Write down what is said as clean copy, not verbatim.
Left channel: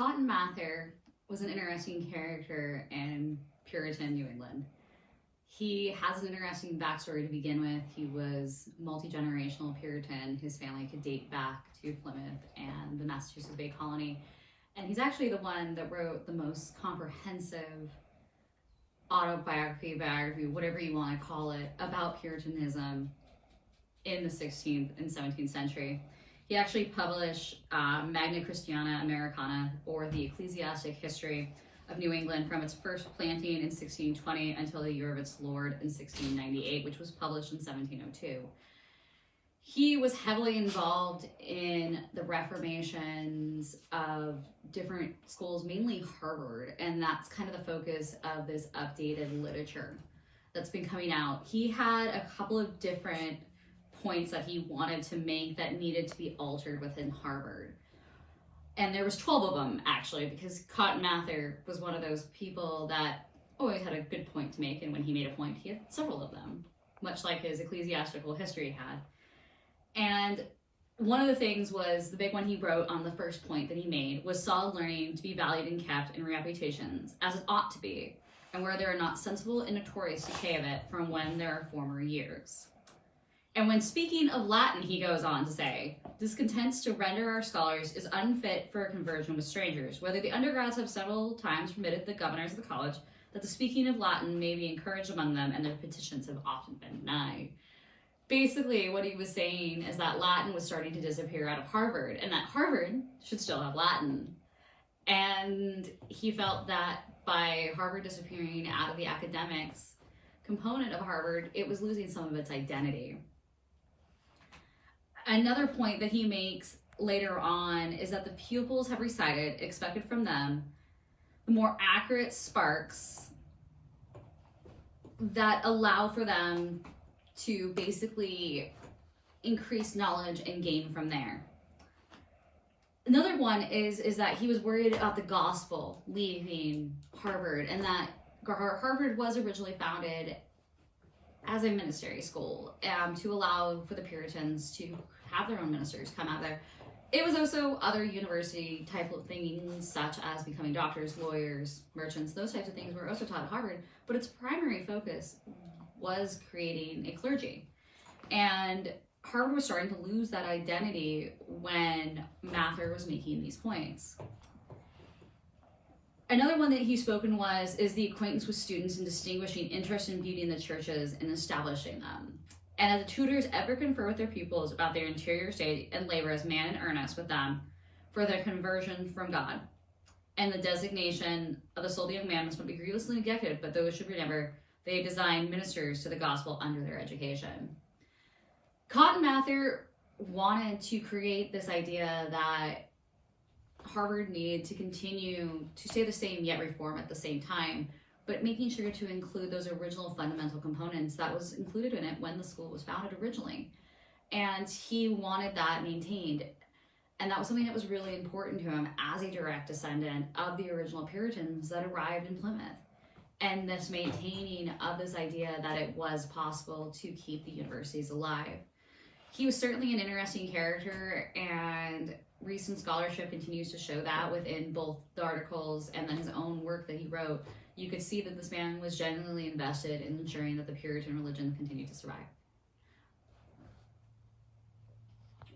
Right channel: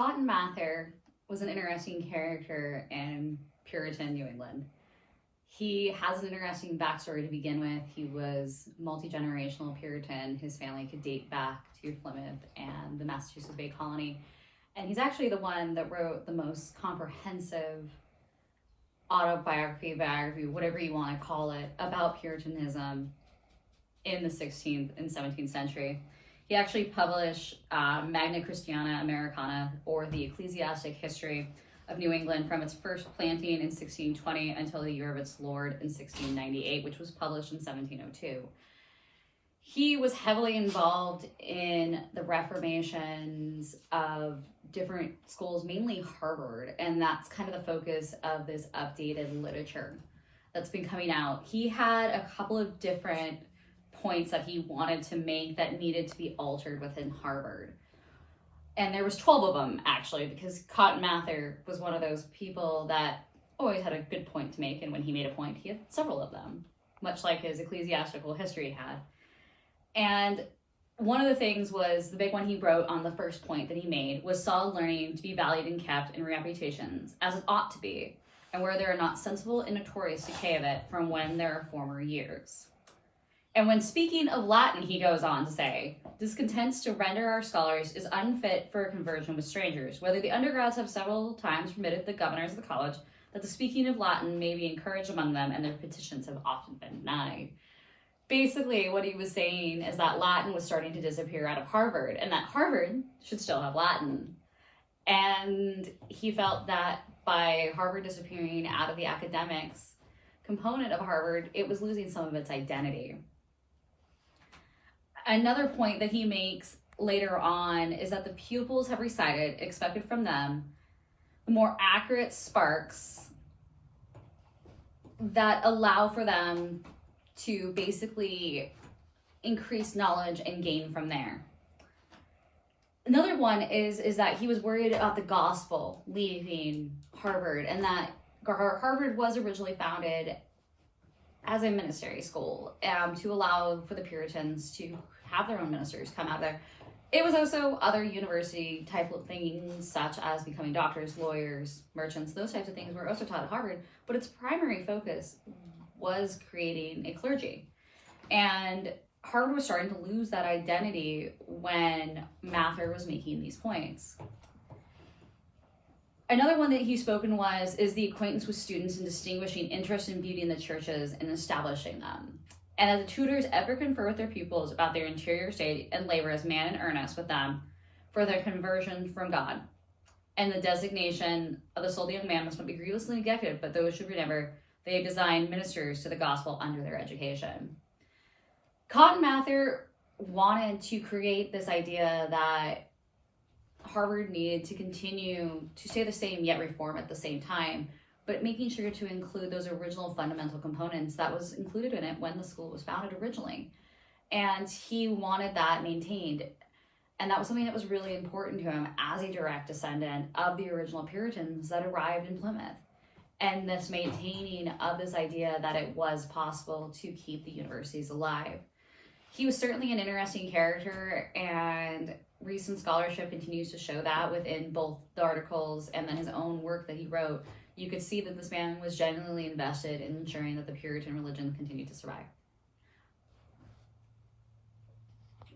Cotten Mather was an interesting character in Puritan New England. He has an interesting backstory to begin with. He was multi-generational Puritan. His family could date back to Plymouth and the Massachusetts Bay Colony. And he's actually the one that wrote the most comprehensive biography, whatever you want to call it, about Puritanism in the 16th and 17th century. He actually published Magna Christiana Americana, or the Ecclesiastic History of New England, from its first planting in 1620 until the year of its Lord in 1698, which was published in 1702. He was heavily involved in the reformations of different schools, mainly Harvard, and that's kind of the focus of this updated literature that's been coming out. He had a couple of different points that he wanted to make that needed to be altered within Harvard. And there was 12 of them, actually, because Cotten Mather was one of those people that always had a good point to make, and when he made a point, he had several of them, much like his ecclesiastical history had. And one of the things was, the big one he wrote on the first point that he made was solid learning to be valued and kept in reputations, as it ought to be, and where there are not sensible and notorious decay of it from when there are former years. And when speaking of Latin, he goes on to say, discontents to render our scholars is unfit for a conversion with strangers, whether the undergrads have several times permitted the governors of the college that the speaking of Latin may be encouraged among them, and their petitions have often been denied. Basically, what he was saying is that Latin was starting to disappear out of Harvard, and that Harvard should still have Latin. And he felt that by Harvard disappearing out of the academics component of Harvard, it was losing some of its identity. Another point that he makes later on is that the pupils have recited, expected from them, the more accurate sparks that allow for them to basically increase knowledge and gain from there. Another one is that he was worried about the gospel leaving Harvard, and that Harvard was originally founded as a ministry school to allow for the Puritans to have their own ministers come out there. It was also other university type of things, such as becoming doctors, lawyers, merchants. Those types of things were also taught at Harvard, but its primary focus was creating a clergy. And Harvard was starting to lose that identity when Mather was making these points. Another one that he's spoken is the acquaintance with students and distinguishing interest and beauty in the churches and establishing them. And that the tutors ever confer with their pupils about their interior state and labor as man in earnest with them for their conversion from God. And the designation of the soul of the young man must not be grievously neglected, but those should remember they design ministers to the gospel under their education. Cotten Mather wanted to create this idea that Harvard needed to continue to stay the same yet reform at the same time, but making sure to include those original fundamental components that was included in it when the school was founded originally. And he wanted that maintained. And that was something that was really important to him as a direct descendant of the original Puritans that arrived in Plymouth. And this maintaining of this idea that it was possible to keep the universities alive. He was certainly an interesting character, and recent scholarship continues to show that within both the articles and then his own work that he wrote. You could see that this man was genuinely invested in ensuring that the Puritan religion continued to survive.